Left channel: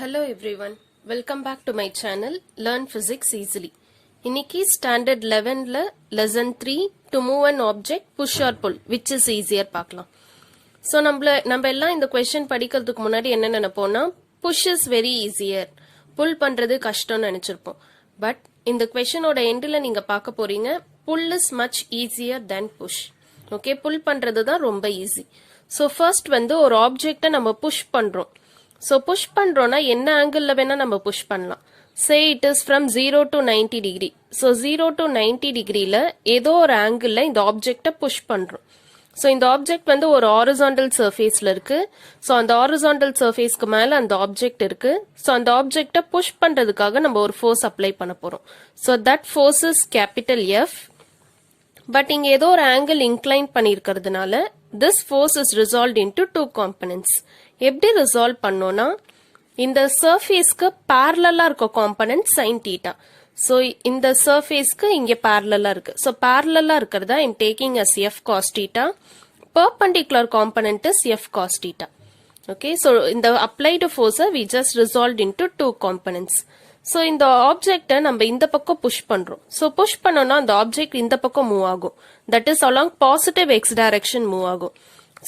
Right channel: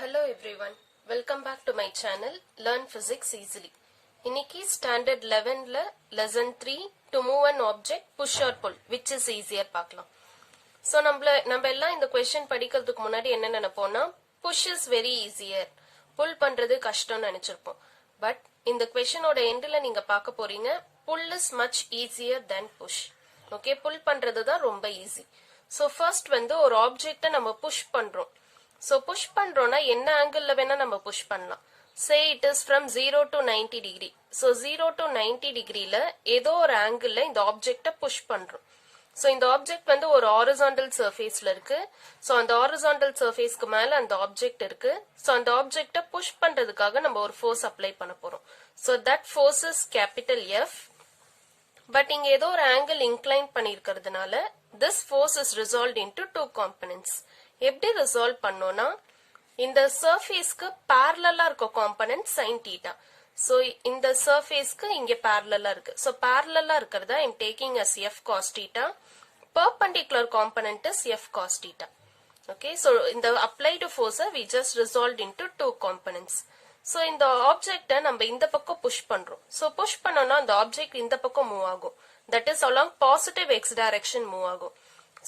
Hello everyone, welcome back to my channel Learn Physics Easily. இன்னைக்கு standard 11ல lesson 3 to move an object push or pull which is easier பார்க்கலாம். So நம்ம எல்லாம் இந்த question படிக்கிறதுக்கு முன்னாடி என்ன நினைப்போம்னா push is very easier, pull பண்றது கஷ்டம்னு நினைச்சிருப்போம். But இந்த questionோட endல நீங்க பார்க்க போறீங்க pull is much easier than push. Okay, pull பண்றது தான் ரொம்ப easy. So first வந்து ஒரு objectை நம்ம push பண்றோம். So push பண்றோம்னா என்ன ஆங்கிள்ல வேணா நம்ம push பண்ணலாம். Say it is from 0 to 90 degree. So 0 to 90 degreeல ஏதோ ஒரு ஆங்கிள்ல இந்த ஆப்ஜெக்ட push பண்றோம். So இந்த ஆப்ஜெக்ட் வந்து ஒரு horizontal surfaceல இருக்கு. So அந்த horizontal surfaceக்கு மேல அந்த ஆப்ஜெக்ட் இருக்கு. So அந்த ஆப்ஜெக்ட push பண்றதுக்காக நம்ம ஒரு force apply பண்ண போறோம். So that force is capital F. But இங்க ஏதோ ஒரு angle incline பண்ணிருக்கிறதுனால this force is resolved into two components. எப்படி resolve பண்ணோம்னா இந்த surfaceக்கு parallel-ஆ இருக்க component sin theta. So இந்த surfaceக்கு இங்க parallel-ஆ இருக்கு. So parallel-ஆ இருக்கிறதா I'm taking as F cos theta. Perpendicular component is F cos theta. Okay, so இந்த applied force we just resolved into two components. So இந்த object நம்ம இந்த பக்கம் push பண்றோம். So push பண்ணோம்னா அந்த object இந்த பக்கம் move ஆகும். That is along positive x direction move ஆகும்.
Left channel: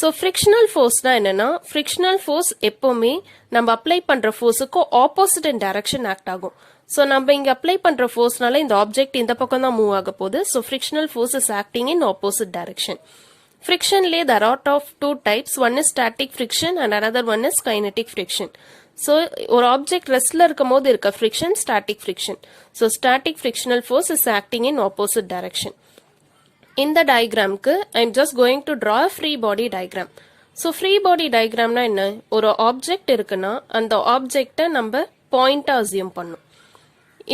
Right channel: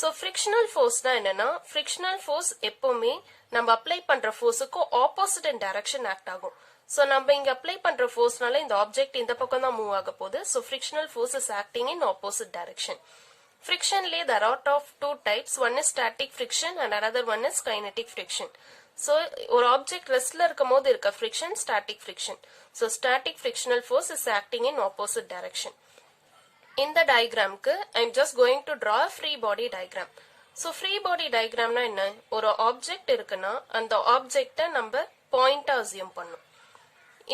So frictional force தான் என்னன்னா frictional force எப்பவுமே நம்ம apply பண்ற forceக்கு opposite in direction act ஆகும். So நம்ம இங்க apply பண்ற forceனால இந்த object இந்த பக்கம் தான் move ஆக போகுது. So frictional force is acting in opposite direction. Frictionலயே there are of two types. One is static friction and another one is kinetic friction. So ஒரு object restல இருக்கும்போது இருக்க friction static friction. So static frictional force is acting in opposite direction. இந்த diagramக்கு I'm just going to draw a free body diagram. So free body diagramனா என்ன? ஒரு object இருக்குன்னா அந்த objectஐ நம்ம point-ஆ assume பண்ணும்.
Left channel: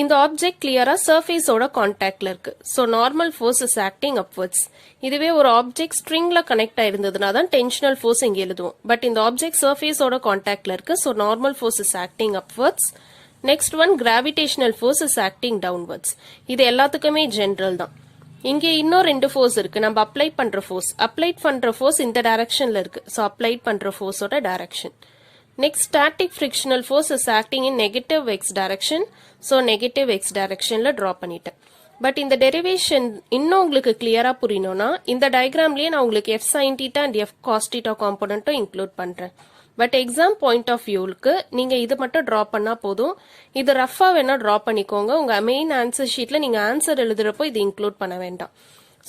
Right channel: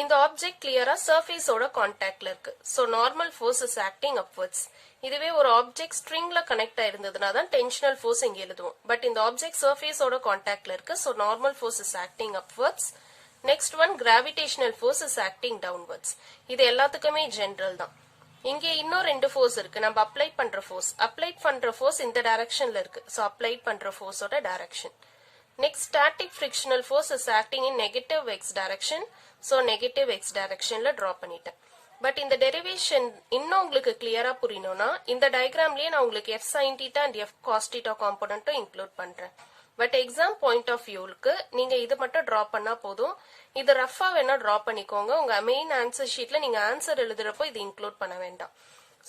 இந்த object clear-ஆ surface-ஓட contactல இருக்கு. So normal force is acting upwards. இதுவே ஒரு object string-ல connect ஆயிருந்ததுனா தான் tensional force இங்க எழுதுவோம். But இந்த object surface-ஓட contactல இருக்கு. So normal force is acting upwards. Next one gravitational force is acting downwards. இது எல்லாத்துக்குமே general தான். இங்க இன்னும் ரெண்டு force இருக்கு. நம்ம apply பண்ற force இந்த directionல இருக்கு. So apply பண்ற force ஓட direction. Next static frictional force is acting in negative x direction. So negative x directionல draw பண்ணிட்டேன். But இந்த derivation இன்னும் உங்களுக்கு clear-ஆ புரியணும்னா இந்த diagramலயே நான் உங்களுக்கு f sin theta and f cos theta component-ம் include பண்றேன். But exam point of view-க்கு நீங்க இது மட்டும் draw பண்ணா போதும். இது rough-ஆ வேணா draw பண்ணிக்கோங்க. உங்க main answer sheet-ல நீங்க answer எழுதுறப்போ இது include பண்ண வேண்டாம்.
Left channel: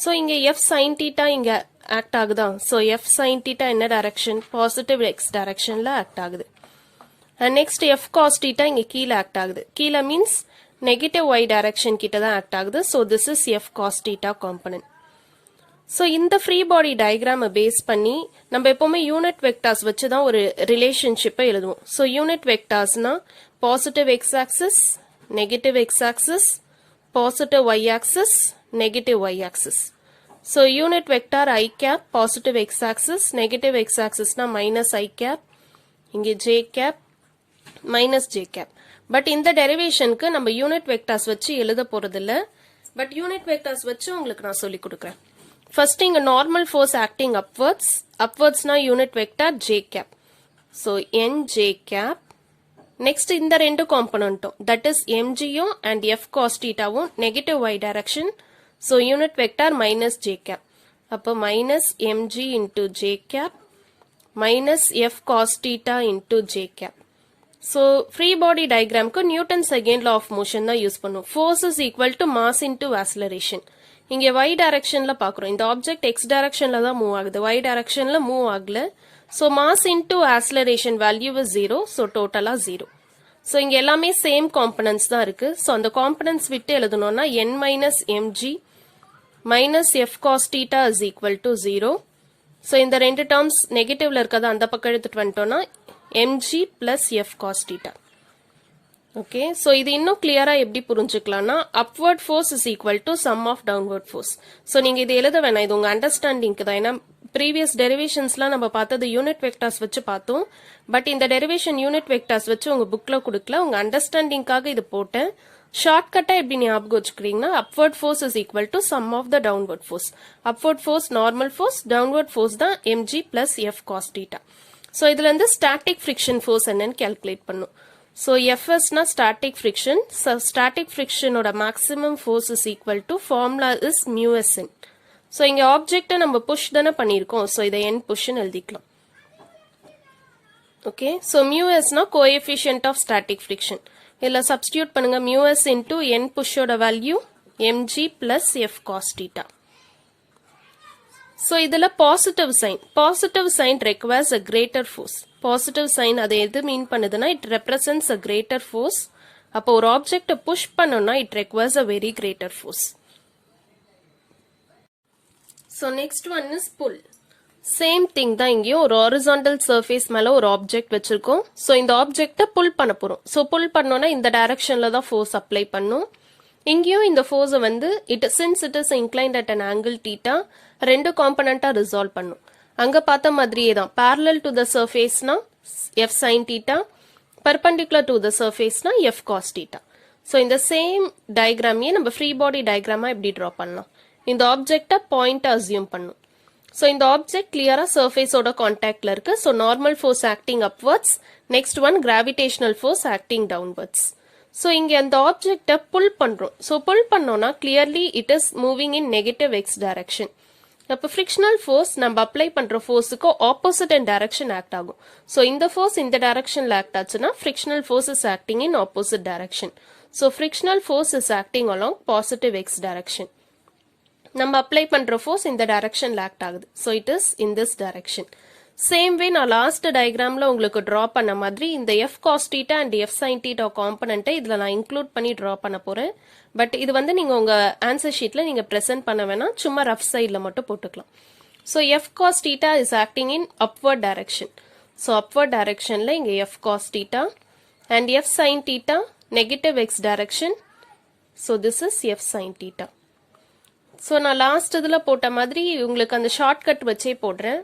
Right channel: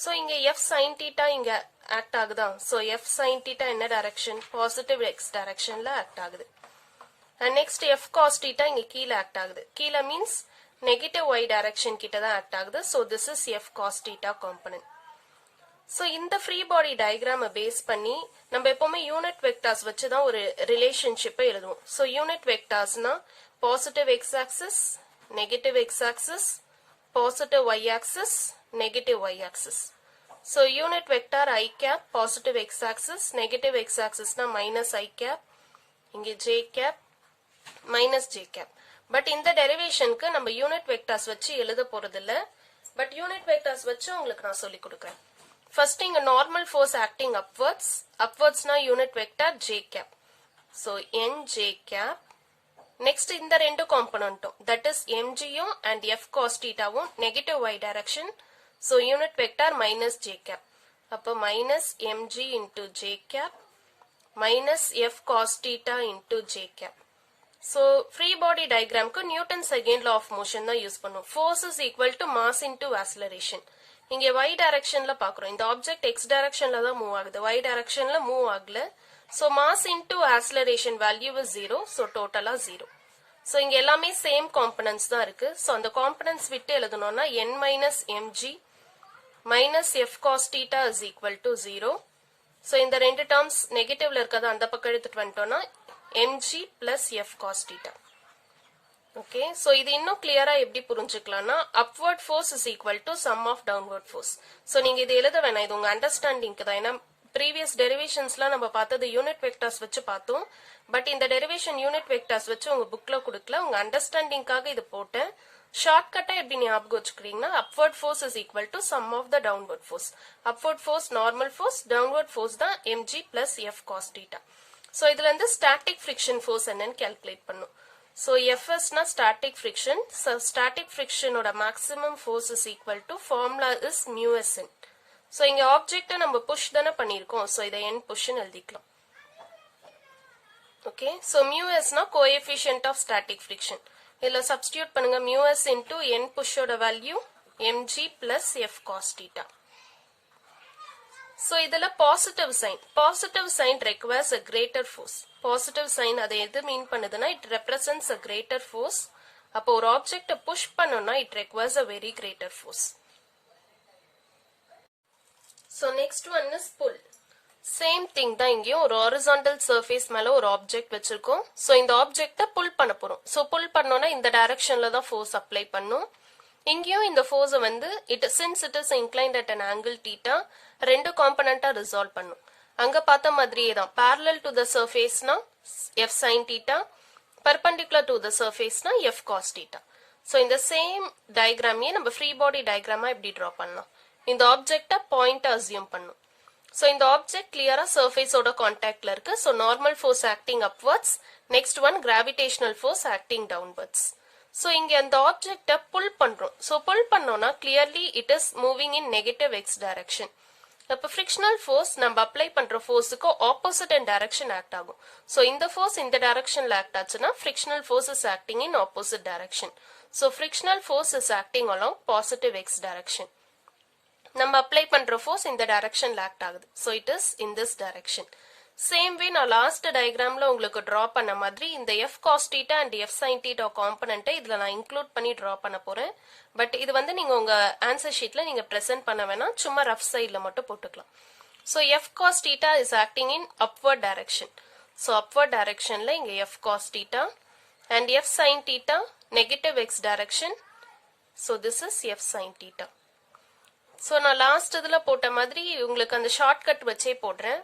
So இங்க f sin theta இங்க act ஆகுதா? So f sin theta என்ன direction? Positive x directionல act ஆகுது. And next f cos theta இங்க கீழ act ஆகுது. கீழ means negative y direction கிட்ட தான் act ஆகுது. So this is f cos theta component. So இந்த free body diagram base பண்ணி நம்ம எப்பவுமே unit vectors வச்சு தான் ஒரு relationship எழுதுவோம். So unit vectorsனா positive x axis, negative x axis, positive y axis, negative y axis. So unit vector I cap positive x axis, negative x axis na minus I cap, இங்க j cap, minus j cap. But இந்த derivationக்கு நம்ம unit vectors வச்சு எழுத போறதில்ல. But unit vectors வச்சு உங்களுக்கு நான் சொல்லி கொடுக்கிறேன். First இங்க normal force acting upwards. Upwards na unit vector j cap. So n j cap. Next இந்த ரெண்டு component-ம் that is mg-யும் and f cos theta-வும் negative y direction. So unit vector minus j cap. அப்போ minus mg into j cap minus f cos theta into j cap. So free body diagramக்கு Newton's second law of motion தான் use பண்ணும். Force is equal to mass into acceleration. இங்க y directionல பாக்குறோம். இந்த object x directionல தான் move ஆகுது. y directionல move ஆகல. So mass into acceleration value is 0. So total-ஆ 0. So இங்க எல்லாமே same components தான் இருக்கு. So அந்த components விட்டு எழுதணும்னா n minus mg minus f cos theta is equal to 0. So இந்த ரெண்டு terms negative-ல இருக்கத அந்த பக்கம் எடுத்துட்டு வந்துட்டோம்னா mg plus f cos theta. Okay, so இது இன்னும் clear-ஆ எப்படி புரிஞ்சுக்கலாம்னா upward force is equal to sum of downward force. So நீங்க இது எழுத வேணாம், இது உங்க understanding-க்கு தான். ஏன்னா previous derivationsலாம் நம்ம பார்த்தது unit vectors வச்சு பார்த்தோம். பட் இந்த derivation unit vectors வச்சு உங்க bookல கொடுக்கல, உங்க understanding-க்காக இது போட்டேன். ஷார்ட்கட்டா எப்படி ஞாபகம் வச்சுக்கிறீங்கன்னா upward force is equal to sum of the downward force. Upward force normal force, downward force தான் mg plus f cos theta. So இதுல இருந்து static friction force என்னன்னு calculate பண்ணும். So Fs na static friction. So static friction oda maximum force is equal to formula is mu s n. So inga object நம்ம push தான பண்ணிருக்கோம். So இதை n push ன்னு எழுதிக்கலாம். Okay, so mu s na coefficient of static friction. இதுல substitute பண்ணுங்க mu s into n push oda value mg plus f cos theta. So இதுல positive sign requires a greater force. Positive sign அது எது மீன் பண்ணுதுன்னா it represents a greater force. அப்போ ஒரு object push பண்ணோம்னா it requires a very greater force. So next one is pull. Same thing தான் இங்கேயும் ஒரு horizontal surface மேல ஒரு object வச்சிருக்கோம். So இந்த object pull பண்ண போறோம். So pull பண்ணோம்னா இந்த directionல தான் force apply பண்ணும். இங்கேயும் இந்த force வந்து since it is inclined at an angle theta ரெண்டு காம்பனண்டா ரிசால்வ் பண்ணும். அங்க பார்த்த மாதிரியே தான் parallel to the surface னா f sin theta, perpendicular to the surface னா f cos theta. So இந்த same diagramயே நம்ம free body diagram எப்படி draw பண்ணலாம். இந்த ஆப்ஜெக்ட்ட பாயிண்ட் அசியூம் பண்ணும். So இந்த ஆப்ஜெக்ட் கிளியரா surface ஓட கான்டாக்ட்ல இருக்கு. So normal force acting upwards, next one gravitational force acting downwards. So இங்க அந்த ஆப்ஜெக்ட்ட pull பண்றோம். So pull பண்ணோம்னா clearly it is moving in negative x direction. அப்ப frictional force நம்ம அப்ளை பண்ற ஃபோர்ஸ்க்கு ஆப்போசிட் அண்ட் டைரக்ஷன் ஆக்ட் ஆகும். சோ இந்த force இந்த டைரக்ஷன்ல ஆக்ட் ஆச்சுன்னா frictional force is acting in opposite direction. So frictional force is acting along positive x direction. நம்ம apply பண்ற ஃபோர்ஸ் இந்த டைரக்ஷன்ல ஆக்ட் ஆகுது. So it is in this direction. Same way நான் லாஸ்ட் டயக்ராம்ல உங்களுக்கு டிரா பண்ண மாதிரி இந்த f cos theta and f sin theta காம்பனன்ட்டை இதுல நான் இன்க்ளூட் பண்ணி டிரா பண்ண போறேன். பட் இது வந்து நீங்க உங்க ஆன்சர் ஷீட்ல நீங்க பிரசன்ட் பண்ண வேணாம், சும்மா ரஃப் சைடுல மட்டும் போட்டுக்கலாம். So f cos theta is acting in upward direction. So upward directionல இங்க f cos theta and f sin theta negative x direction. So this is f sin theta. So நான் last இதுல போட்ட மாதிரி உங்களுக்கு அந்த ஷார்ட்கட் வச்சே போடுறேன்.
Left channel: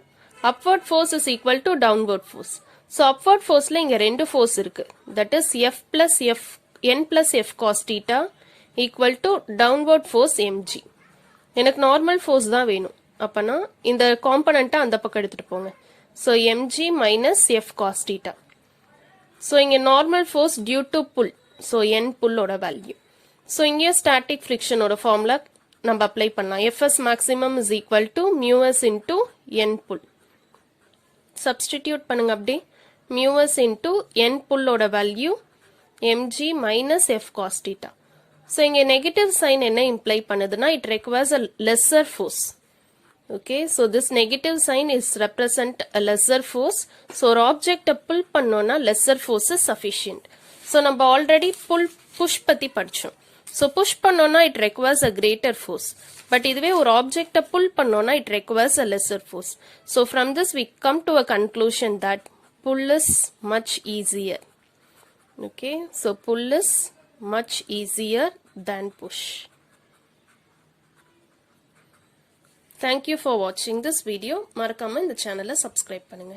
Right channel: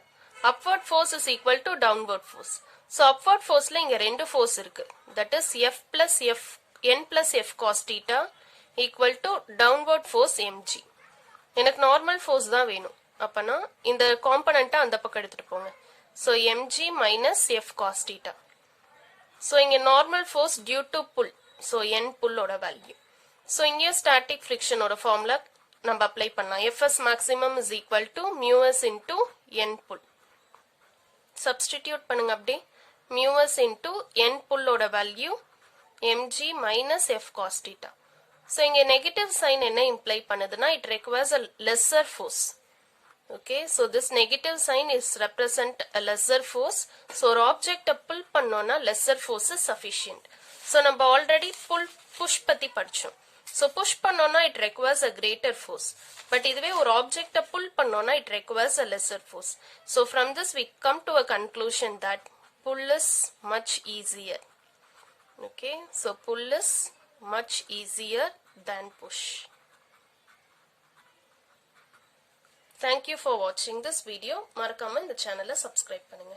Upward force is equal to downward force. So upward forceல இங்க ரெண்டு force இருக்கு. That is n plus f cos theta equal to downward force mg. எனக்கு normal force தான் வேணும். அப்பனா இந்த காம்பனன்ட்டை அந்த பக்கம் எடுத்துட்டு போங்க. So mg minus f cos theta. So இங்க normal force due to pull. So n pull ஓட value. So இங்க static friction ஓட formula நம்ம அப்ளை பண்ணலாம். Fs maximum is equal to mu s into n pull. Substitute பண்ணுங்க அப்படி. Mu s into n pull ஓட value mg minus f cos theta. So இங்க negative sign என்ன imply பண்ணுதுன்னா it requires a lesser force. Okay, so this negative sign is represent a lesser force. So ஒரு object pull பண்ணோம்னா lesser force is sufficient. So நம்ம already push பத்தி படிச்சோம். So push பண்ணோம்னா it requires a greater force. But இதுவே ஒரு object pull பண்ணோம்னா it requires a lesser force. So from this we come to a conclusion that pull is much easier. Okay, so pull is much easier than push. Thank you for watching this video. மறக்காம இந்த சேனலை subscribe பண்ணுங்க.